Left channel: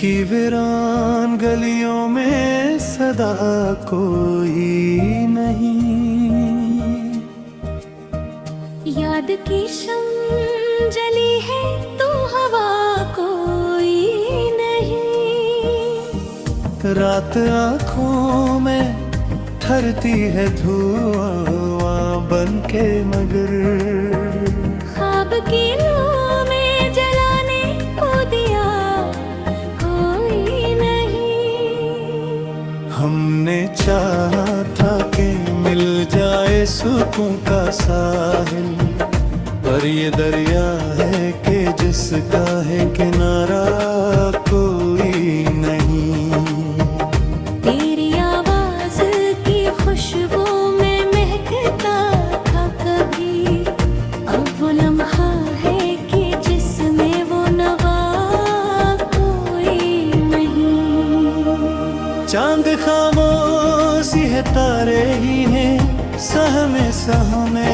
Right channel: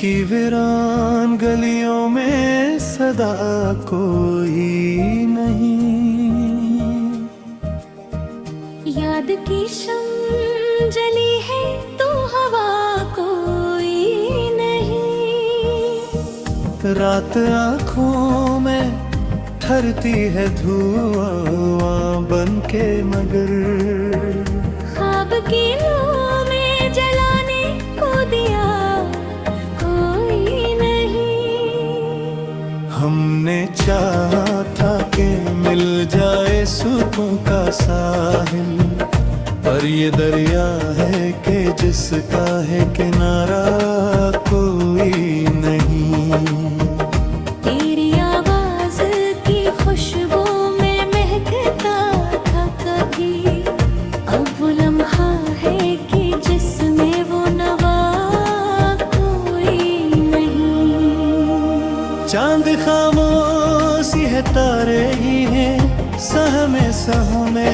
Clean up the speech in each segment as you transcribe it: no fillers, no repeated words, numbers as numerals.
की वीरान गलियों में सदा कोई नहीं। याद की शम्म जली है तो हवा कोई नहीं। रात आँखों में ठहरती है धुआं बन के, मगर ख्वाब की लौ में जलाने को दिया कोई नहीं। हमने चाहा था कि मिल जाए सुकून का साहिल, पर ये दरिया है कि जिसका है किनारा कोई नहीं। तेरी आवाज की खुशबू में महकता था कभी, अब वो लम्हा है कि जिसमें वो नवा कोई नहीं। चांद खामोशी है, तारे ही हैं सहमे सहमे।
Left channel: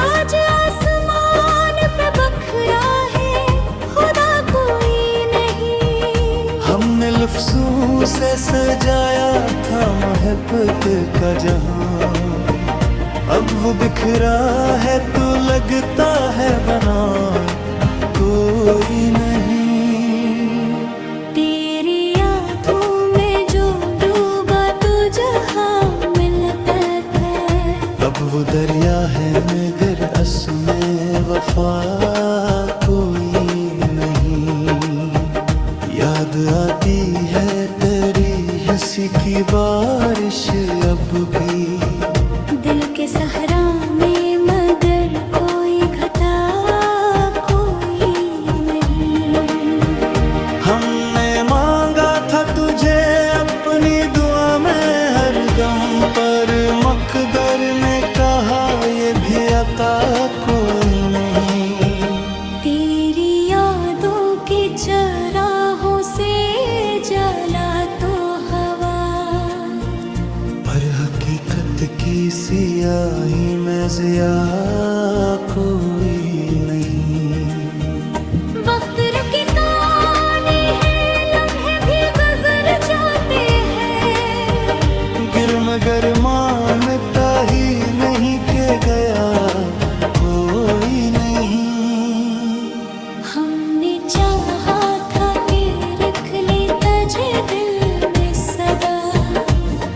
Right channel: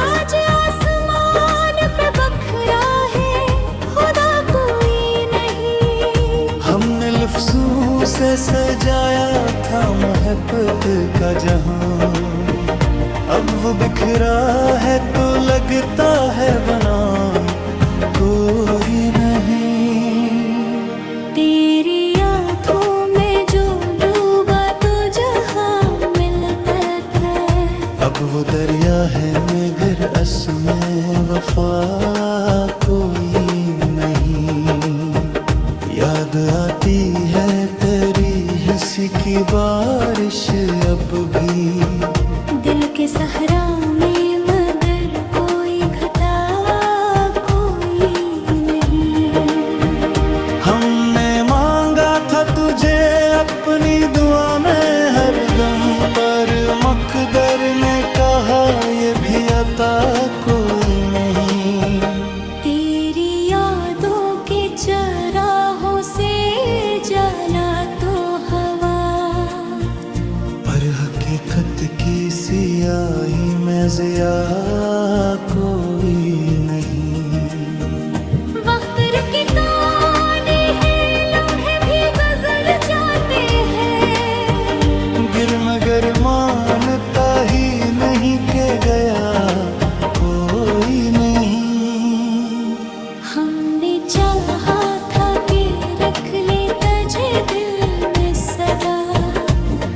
आज आसमान पे बखरा है खुदा कोई नहीं। हमने लफ्जों से सजाया था मोहब्बत का जहां, अब वो बिखरा है तो लगता है बना कोई नहीं। तेरी आँखों में जो डूबा तो जहां मिलता था, अब वो दरिया है मगर असमें वफा कोई नहीं। याद आती है तेरी हंसी की बारिश अब भी दिल के सहरा में, मगर कोई घटा कोई नहीं। हमने मांगा था तुझे अपनी दुआ में हरदम, पर मकदर ने कहा ये भी अता कोई नहीं। तेरी यादों के चराहों से जला तो हवा, पर हकीकत की सियाही में ज़िया कोई नहीं। वक्त रुकता नहीं है, लम्हे भी गुजर जाते हैं, गिर मगर मानता ही नहीं के गया कोई नहीं। हमने चाहा था कि रख ले तुझे दिल में सदा,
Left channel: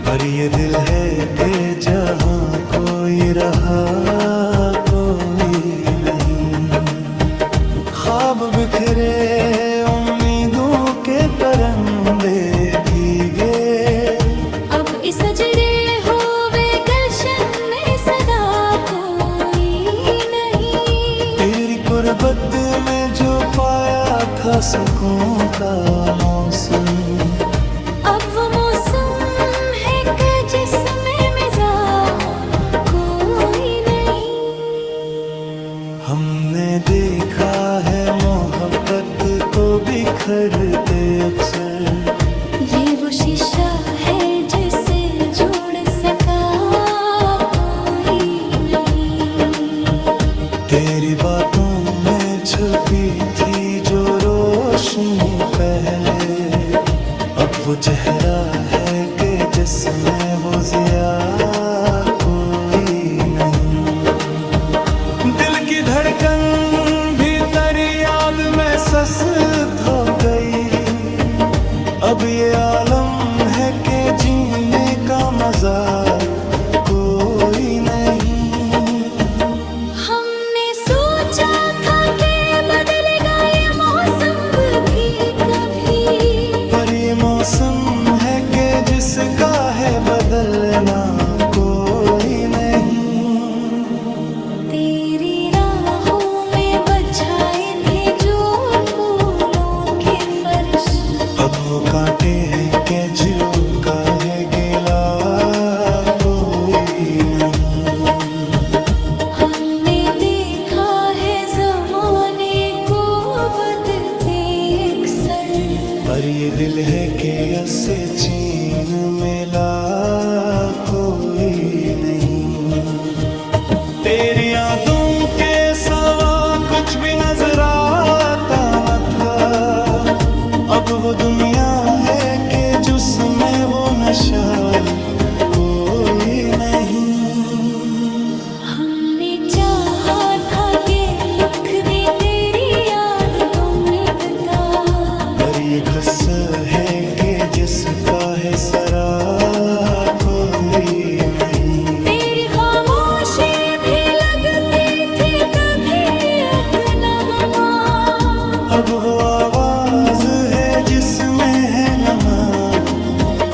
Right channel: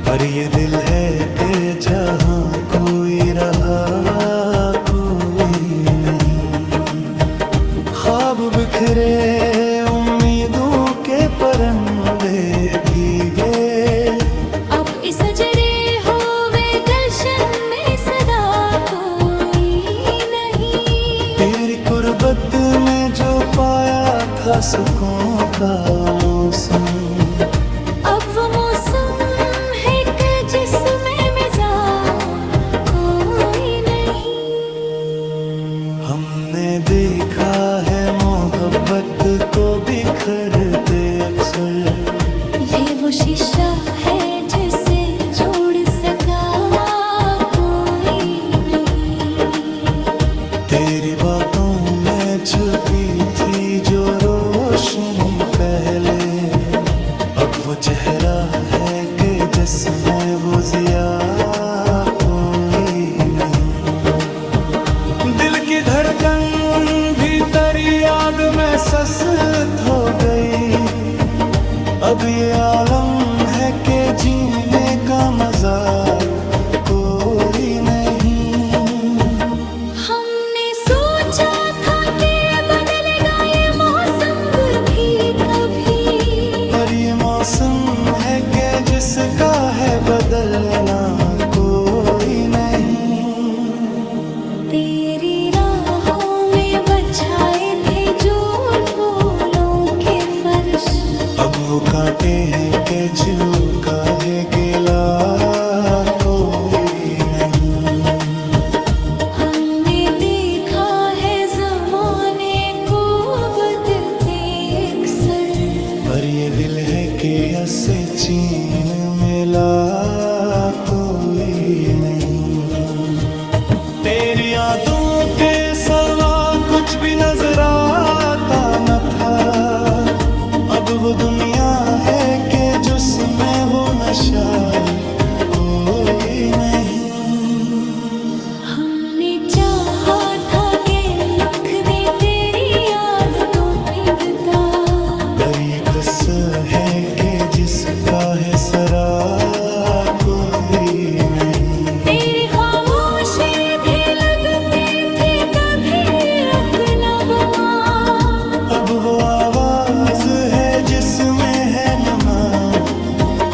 पर ये दिल है कि जहाँ कोई रहा कोई नहीं। ख्वाब बिखरे उम्मीदों के परंदे भीगे, अब इस सजरे होवे गुलशन में सदा कोई नहीं। तेरी कुर्बत में जो पाया था सुकून का मौसम, अब वो मौसम है कि जिसमें मिजा कोई नहीं। हमने देखा है मोहब्बत को बिखरते अक्सर, ये वो शीशा है जिसे जोड़ सका कोई नहीं। तेरी बातों में छुपी थी जो रोशनी पहले, अब वो चेहरा है कि जिसमें वो ज़िया कोई नहीं। दिल की धड़कन भीतर याद में सस्त हो गई, अब ये आलम है कि जीने का मजा कोई नहीं। हमने सोचा था कि बदलेगा ये मौसम भी कभी, पर ये मौसम है कि जिसका है बदलना कोई नहीं। तेरी राहों में बछाए थे जो फूलों के फर्श, अब वो कांटे हैं कि जो का है गिला कोई नहीं। हमने देखा है ज़माने को बदलते अक्सर, पर ये दिल है कि ऐसे चीन मिला कोई नहीं। तेरी यादों के सवा कुछ भी नजर आता न था, अब वो दुनिया है कि जिसमें वो नशा कोई नहीं। हमने चाहा था कि लिख दे तेरी याद दोनों बता, पर ये कसर है कि जिसका है सरा कोई नहीं। तेरी खामोशी भी लगती थी कभी एक नगमा, अब वो आवाज है जिसमें है नमा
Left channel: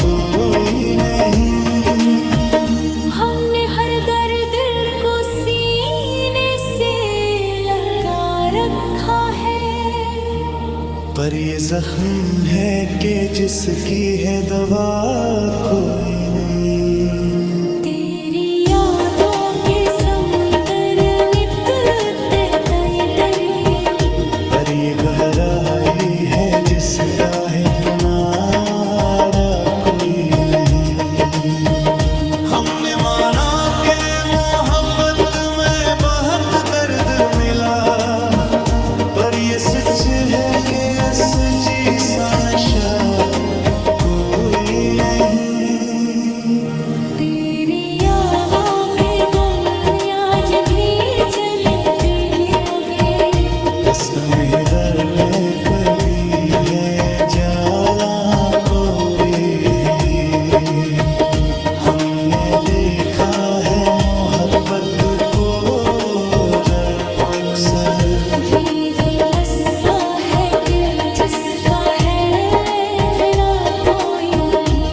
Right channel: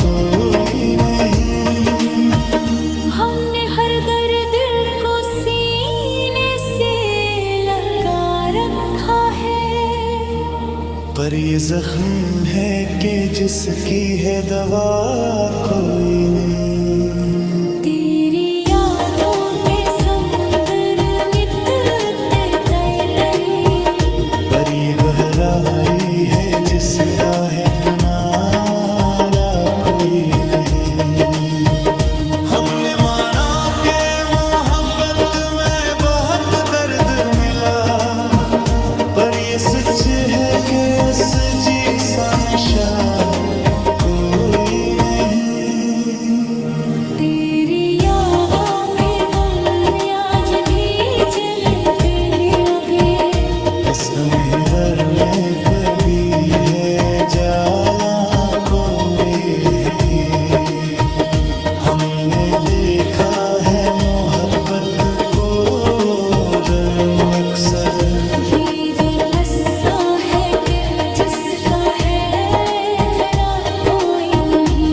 कोई नहीं। हमने हर दर्द को सीने से लगा रखा है, पर ये जख्म है कि जिसकी है दवा कोई नहीं। तेरी यादों के समुंदर मिटते तय दरी, पर ये गहराई है जिसका है किनारा कोई नहीं। हमने माना कि मोहब्बत में बहुत दर्द मिला, पर ये सच है कि असजी सा नशा कोई नहीं। तेरी यादों के गुम आज भी चलते हैं आगे, रस्म इधर में कभी है जाला कोरे हैं। हमने देखा है मोहब्बत को जर्म अक्सर, ये भी ऐसा है कि जिसका है फिरा कोई नहीं।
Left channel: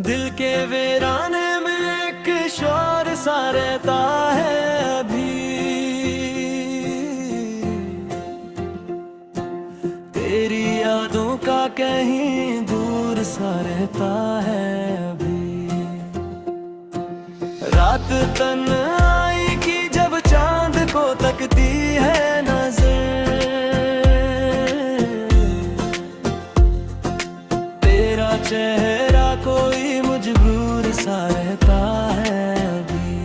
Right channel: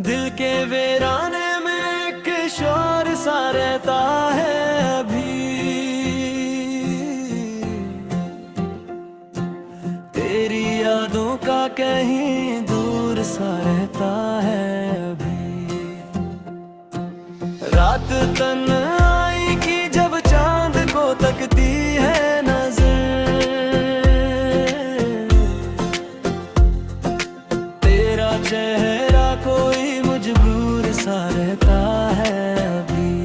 दिल के वीराने में एक शोर सा रहता है अभी, तेरी यादों का कहीं दूर सा रहता है अभी। रात तन्हाई की जब चांद को तकती है नजर, तेरा चेहरा कोई मजबूर सा रहता है अभी।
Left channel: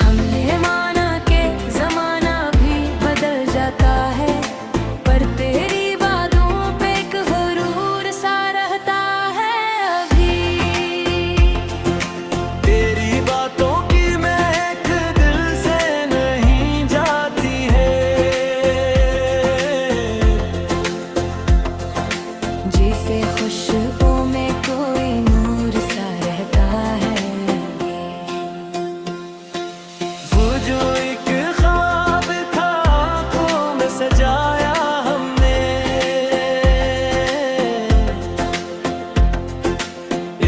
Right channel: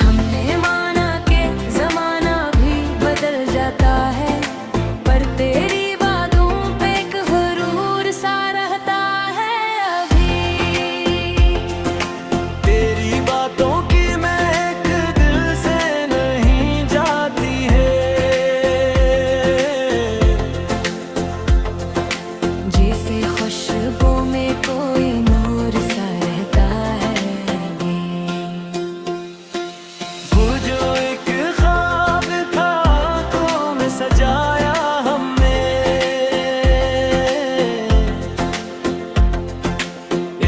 हमने माना कि जमाना भी बदल जाता है, पर तेरी बातों पे एक गुरूर सा रहता है अभी। तेरी बातों की महक दिल से नहीं जाती है, जिसे खुशबू में कोई नूर सा रहता है अभी। वो जो एक ख्वाब था आंखों में सजाया हमने,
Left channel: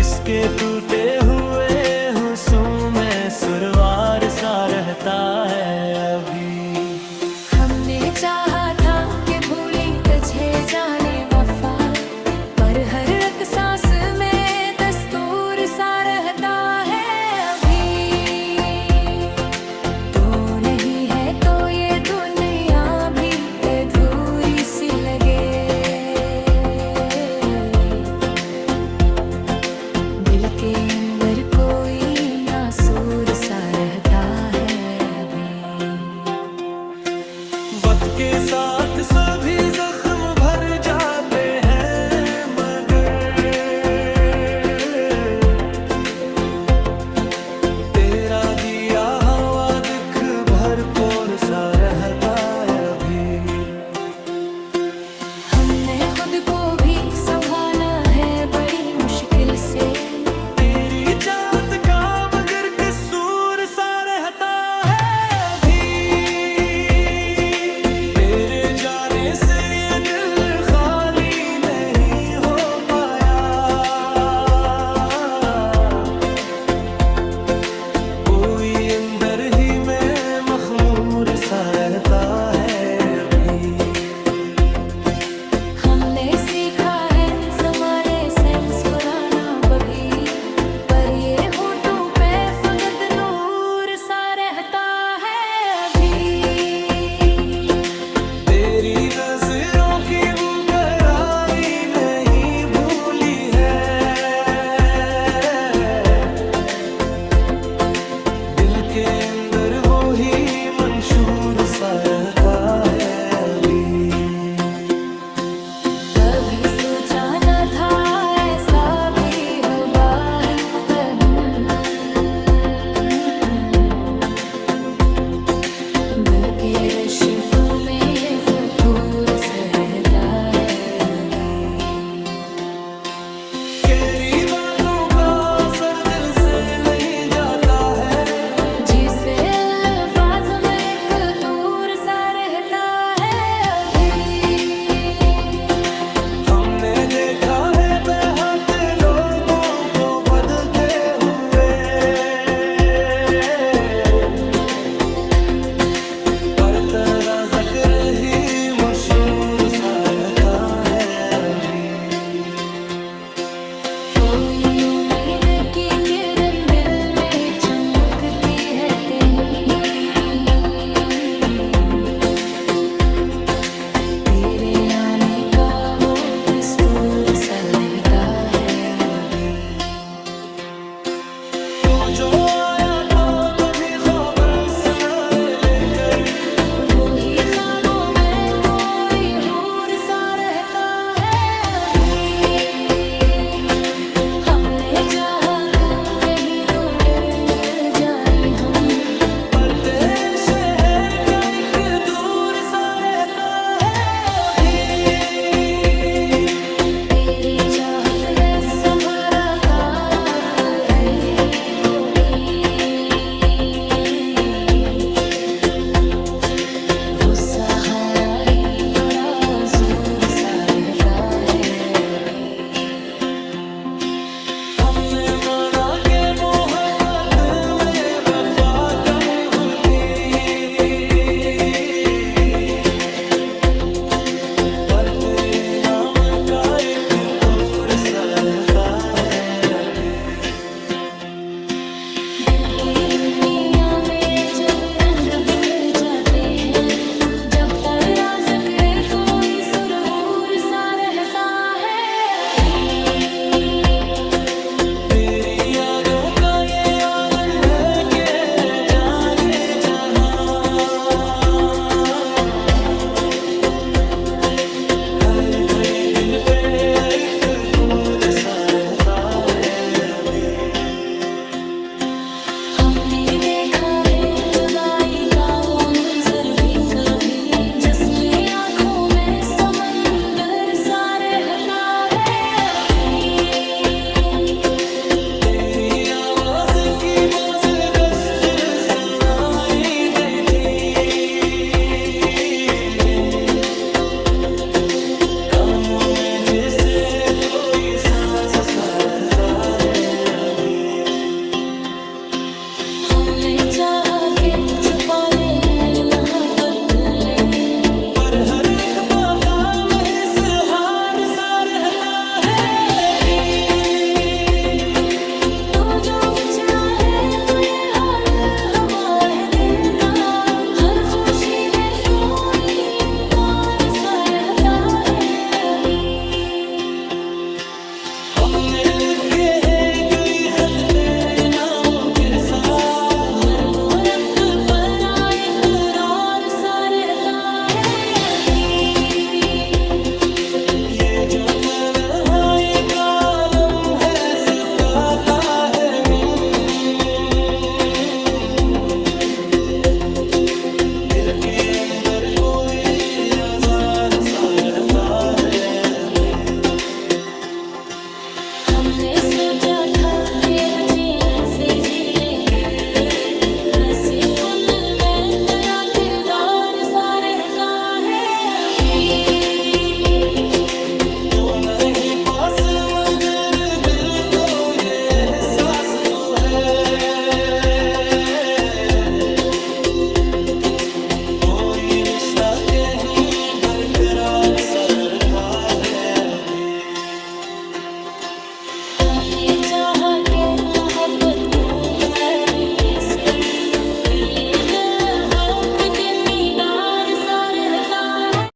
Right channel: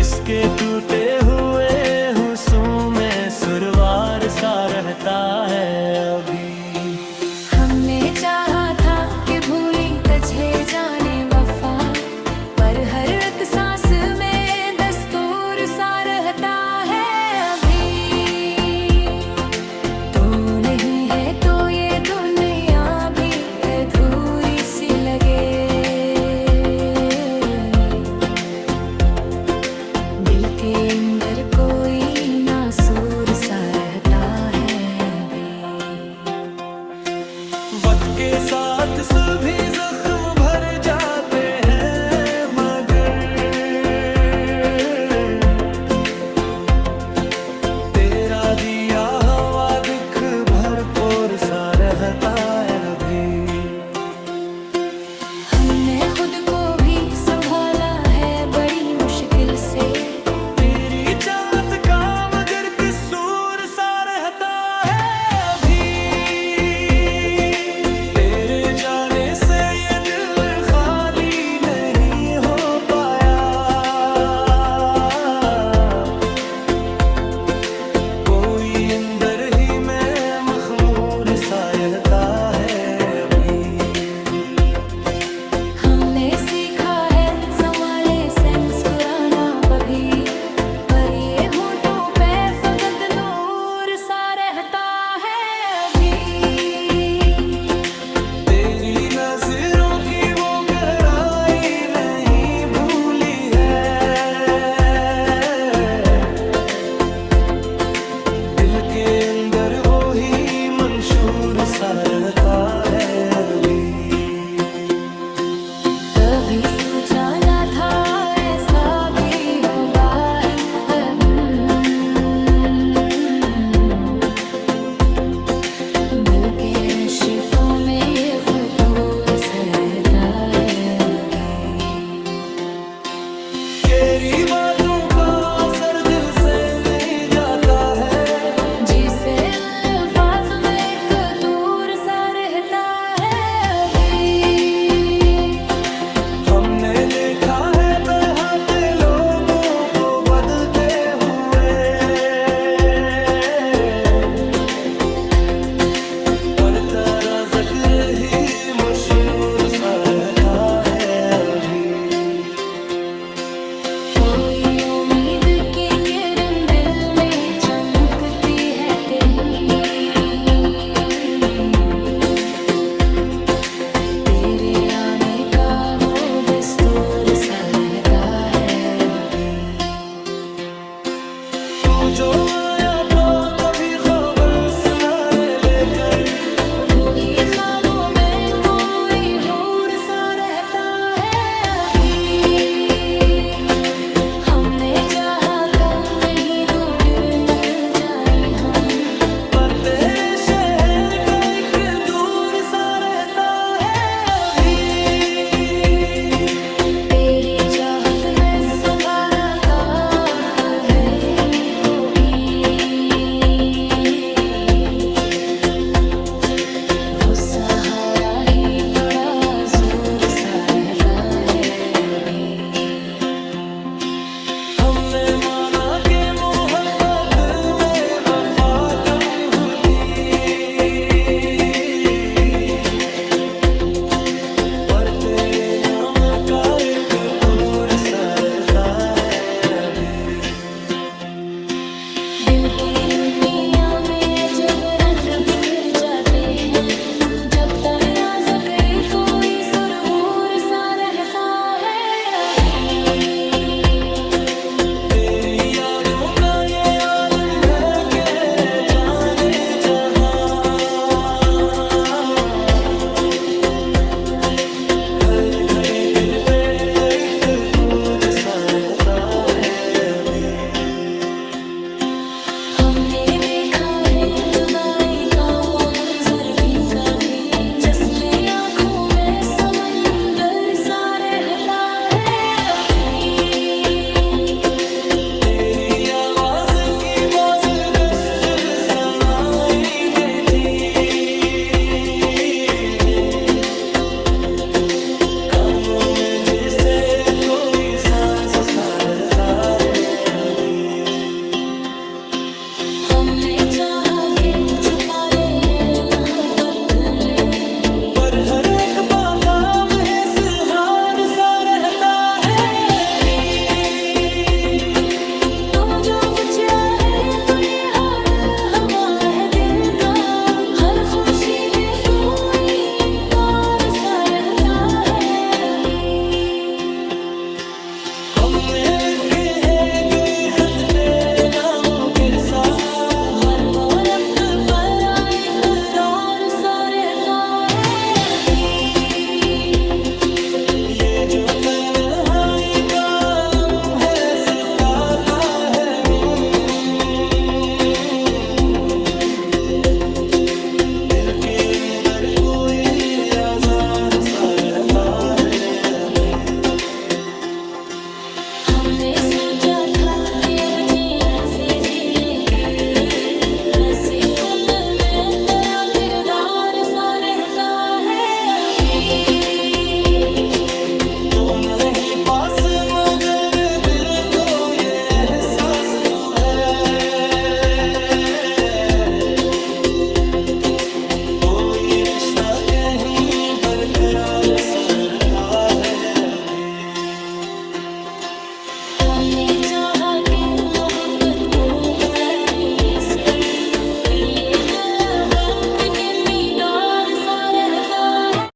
इसके टूटे हुए हुस्न में सुरवार सा रहता है अभी। हमने चाहा था कि भूली तुझे जाने वफा, पर हर एक सांस में दस्तूर सा रहता है अभी। तू नहीं है तो ये दुनिया भी अधूरी सी लगे, दिल के अंदर कोई नासूर सा रहता है अभी। वक्त के साथ सभी जख्म भर जाते हैं, मगर तेरा दिया हवा दुख भरपूर सा रहता है अभी। हमने खुद को भी संभाला है बड़ी मुश्किल से, तेरी जात का मगर कसूर सा रहता है अभी। तेरे जाने से ये दिल खाली नहीं हो पाया, कोई अंदर ही में मखमूर सा रहता है अभी। हमने सीखा है संभाले से मुस्कुराना बभी, पर ये होठों पे फकत नूर सा रहता है अभी। तेरी नजरों की वो गहराई के अंदर वो ही मंशूर सा रहता है अभी। कभी सोचा न था ऐसा भी हवा है। दिल के रिश्तों में ये फतूर सा रहता है अभी। तेरी बातों का असर दिल से नहीं जाता है, जिसे अल्फाज में एक दूर सा रहता है अभी। हमने देखा है बेहद लोगों को बदलते हुए, पर तेरा जिक्र ही मशहूर सा रहता है अभी। कोई उम्मीद की किरण दिल में चमकती है कहीं, तेरे आने का वो दस्तूर सा रहता है अभी। तू जो आया तो कभी खबर सुनारे लेकर, वो ही ख्वाबों में कोई हूर सा रहता है अभी। हमने चाहा था कहीं दूर निकल जाए हम, पर तेरे शहर का एक दूर सा रहता है अभी। तेरी चाहत ने संभाला ताप है ही कोई, वो सहारा ही बड़ा जोर सा रहता है अभी। हमने माना के मोहब्बत में वफा कम होती, पर तेरे नाम का एक फूल सा रहता है अभी। दिल की दुनिया में अजब रंग बिखर जाते हैं, जब तेरा जिक्र कोई सुरहूर सा रहता है अभी। तेरी यादों का ये आलम है कि जाने जहां, हर घड़ी दिल पे एक खोज सा रहता है अभी। हमने देखा है जुदाई का वो मंजर भी कभी, जिसमें आंखों में समंदर सा रहता है अभी। तेरी आवाज की बाज गश्त सुनाई देती, कानों में जिसे कोई साज सा रहता है अभी। हमने चाहा के छुपा ले है मोहब्बत ले, पर हर एक बाकाम है सुहार सा रहता है अभी। तू जो बिछड़ा है तो ये हाल हवा है दिल का, हर खुशी में कोई इनकार सा रहता है अभी। हमने लिखे एक खत तेरे नामों के साथ, हर वो रब पर एक और सा रहता है अभी। ये जो तन्हाई का आलम है सताता है दिल के अंदर कोई आजार सा रहता है अभी। हमने सोचा था कि अब चैन से जी लेंगे, हंसे कुन में तेरा किरदार सा रहता है अभी। तो नहीं पास मगर दिल को ये एहसास तू है, कोई रिश्ता कहीं बरकरार सा रहता है अभी। हमने चाहा के मोहब्बत को भुला देने से, ये हो कि किरदार सा रहता है।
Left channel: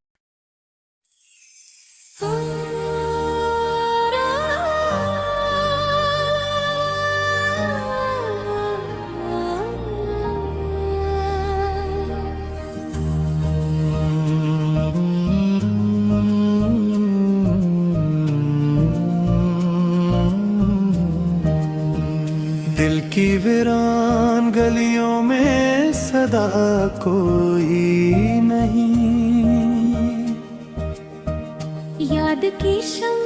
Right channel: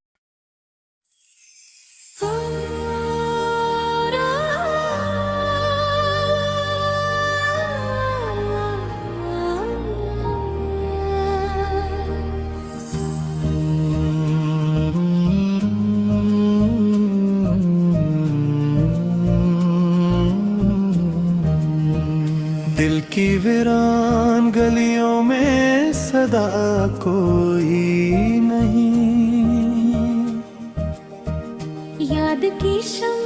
वीरान गलियों में सदा कोई नहीं, याद की शम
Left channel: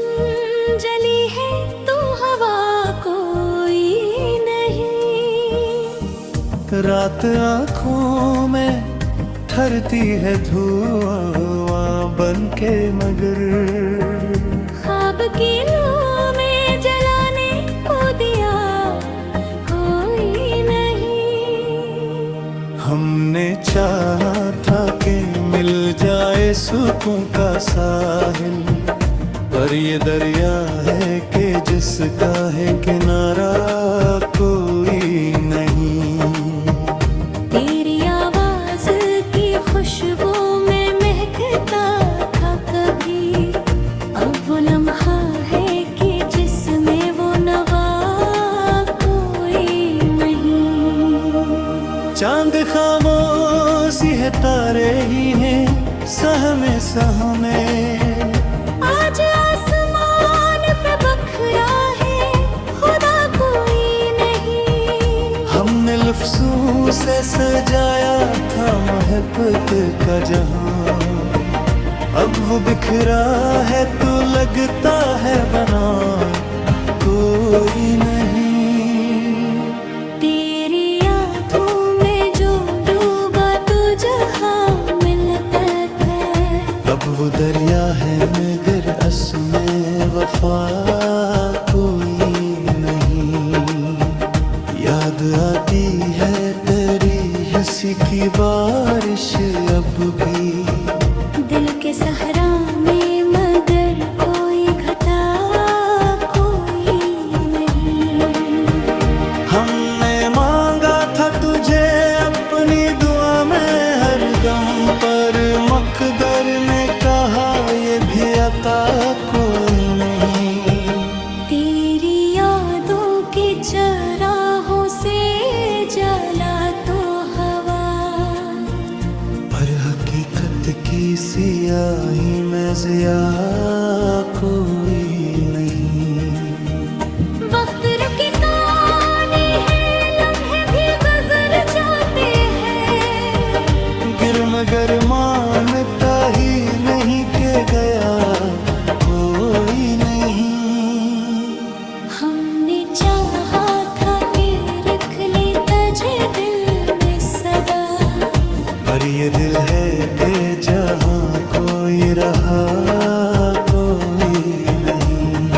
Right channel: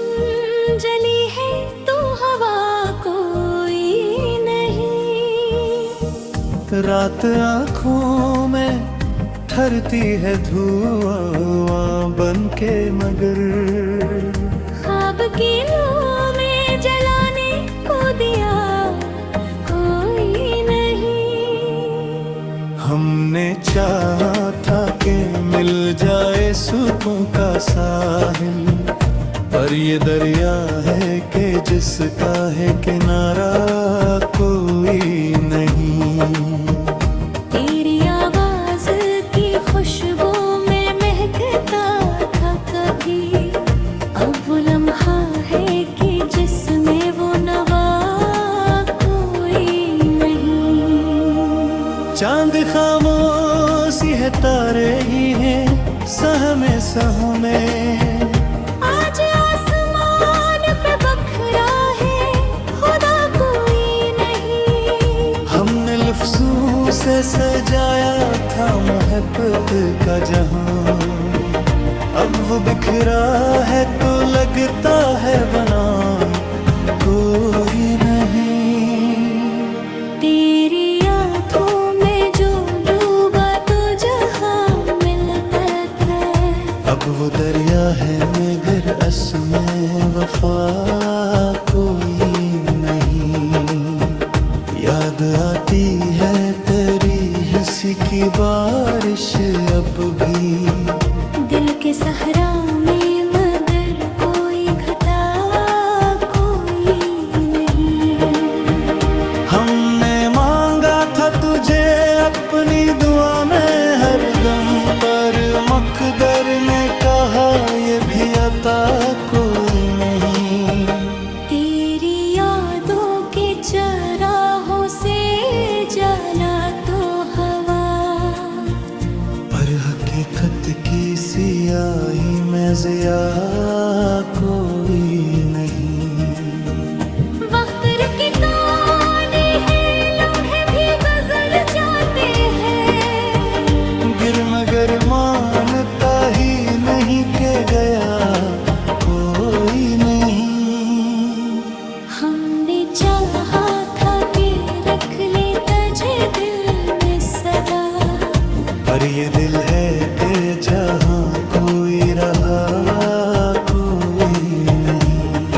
जली है तो हवा कोई नहीं, रात आँखों में ठहरती है धुआं बन के, मगर ख्वाब की लौ में जलाने को दिया कोई नहीं। हमने चाहा था कि मिल जाए सुकून का साहिल, पर ये दरिया है कि जिसका है किनारा कोई नहीं। तेरी आवाज की खुशबू में महकता था कभी, अब वो लम्हा है कि जिसमें वो नवा कोई नहीं। चांद खामोशी है, तारे ही हैं सहमे सहमे, आज आसमान पे बखरा है खुदा कोई नहीं। हमने लफ्जों से सजाया था मोहब्बत का जहां, अब वो बिखरा है तो लगता है बना कोई नहीं। तेरी आँखों में जो डूबा तो जहां मिलता था, अब वो दरिया है मगर असमें वफा कोई नहीं। याद आती है तेरी हंसी की बारिश अब भी, दिल के सहरा में मगर कोई घटा कोई नहीं। हमने मांगा था तुझे अपनी दुआ में हरदम, पर मकदर ने कहा ये भी अता कोई नहीं। तेरी यादों के चराहों से जला तो हवा, पर हकीकत की सियाही में ज़िया कोई नहीं। वक्त रुकता नहीं है, लम्हे भी गुजर जाते हैं, गिर मगर मानता ही नहीं के गया कोई नहीं। हमने चाहा था कि रख ले तुझे दिल में सदा, पर ये दिल है कि जहाँ कोई रहा कोई नहीं।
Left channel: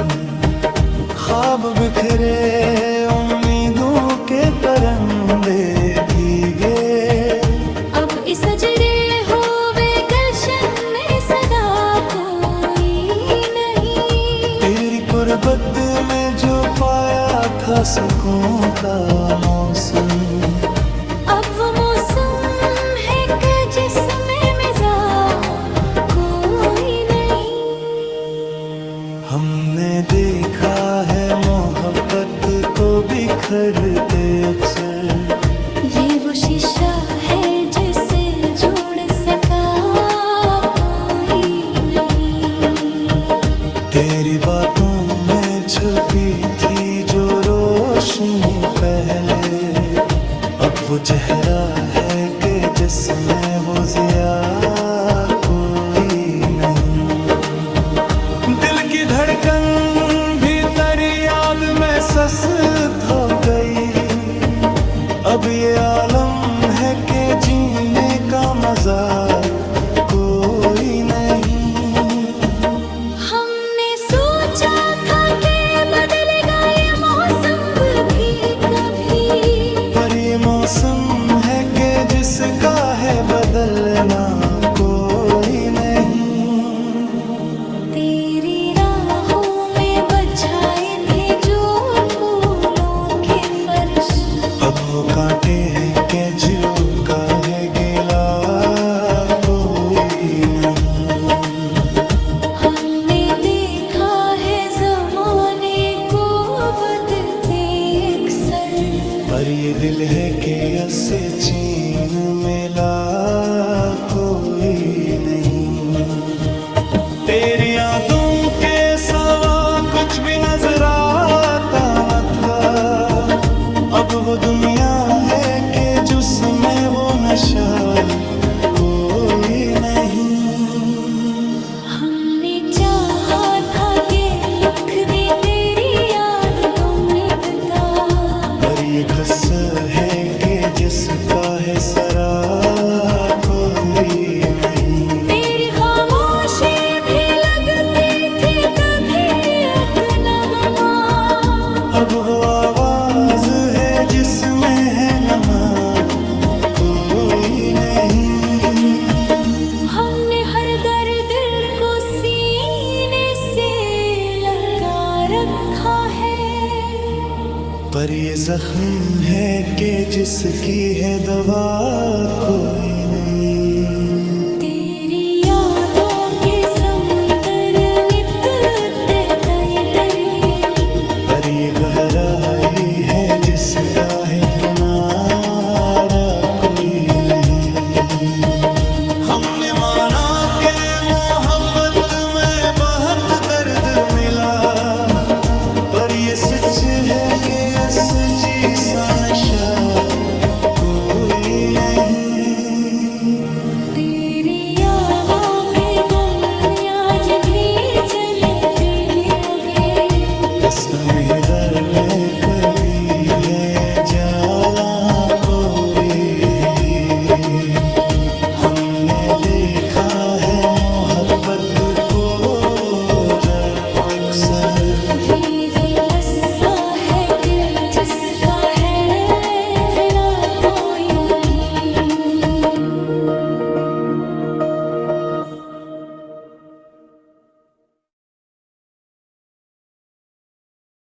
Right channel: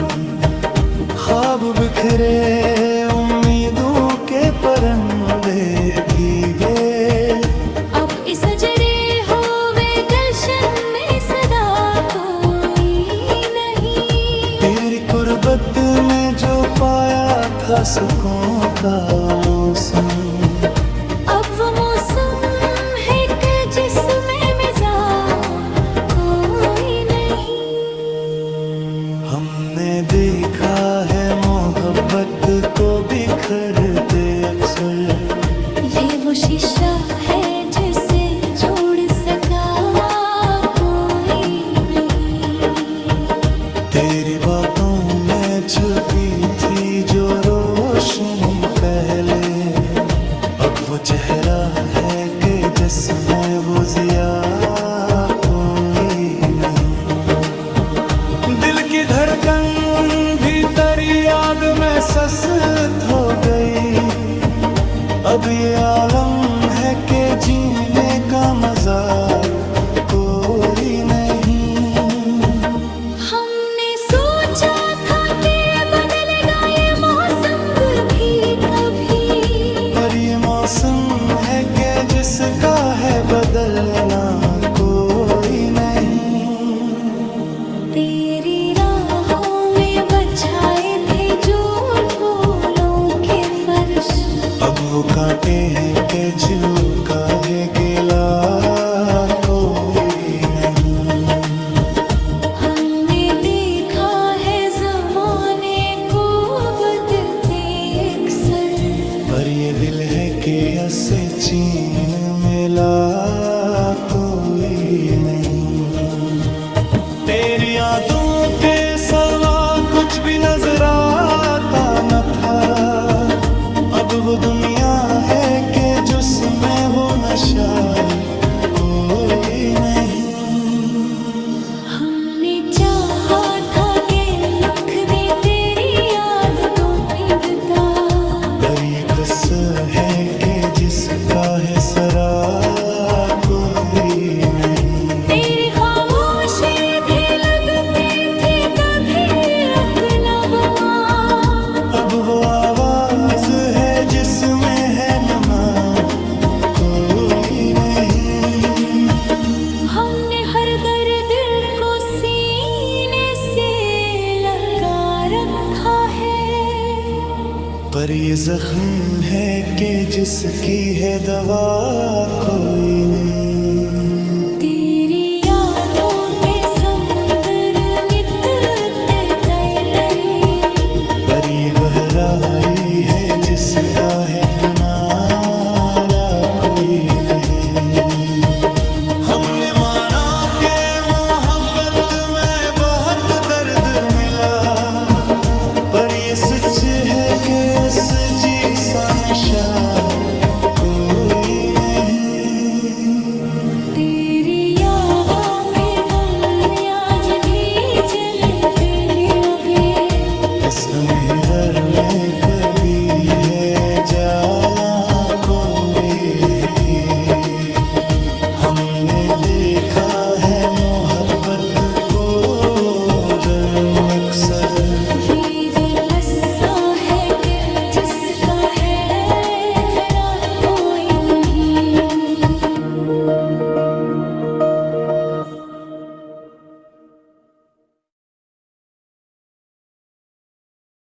ख्वाब बिखरे उम्मीदों के परंदे भीगे, अब इस सजरे होवे गुलशन में सदा कोई नहीं। तेरी कुर्बत में जो पाया था सुकून का मौसम, अब वो मौसम है कि जिसमें मिजा कोई नहीं। हमने देखा है मोहब्बत को बिखरते अक्सर, ये वो शीशा है जिसे जोड़ सका कोई नहीं। तेरी बातों में छुपी थी जो रोशनी पहले, अब वो चेहरा है कि जिसमें वो ज़िया कोई नहीं। दिल की धड़कन भीतर याद में सस्त हो गई, अब ये आलम है कि जीने का मजा कोई नहीं। हमने सोचा था कि बदलेगा ये मौसम भी कभी, पर ये मौसम है कि जिसका है बदलना कोई नहीं। तेरी राहों में बछाए थे जो फूलों के फर्श, अब वो कांटे हैं कि जो का है गिला कोई नहीं। हमने देखा है ज़माने को बदलते अक्सर, पर ये दिल है कि ऐसे चीन मिला कोई नहीं। तेरी यादों के सवा कुछ भी नजर आता न था, अब वो दुनिया है कि जिसमें वो नशा कोई नहीं। हमने चाहा था कि लिख दे तेरी याद मिलता, पर ये कसर है कि जिसका है सरा कोई नहीं। तेरी खामोशी भी लगती थी कभी एक नगमा, अब वो आवाज है जिसमें है नमा कोई नहीं। हमने हर दर्द को सीने से लगा रखा है, पर ये जख्म है कि जिसकी है दवा कोई नहीं। तेरी यादों के समुंदर मिटते तय दरी, पर ये गहराई है जिसका है किनारा कोई नहीं। हमने माना कि मोहब्बत में बहुत दर्द मिला, पर ये सच है कि असजी सा नशा कोई नहीं। तेरी यादों के गुम आज भी चले आगे, कसम दर में कभी है जाला कोरे हैं। हमने देखा है मोहब्बत को जर्म अक्सर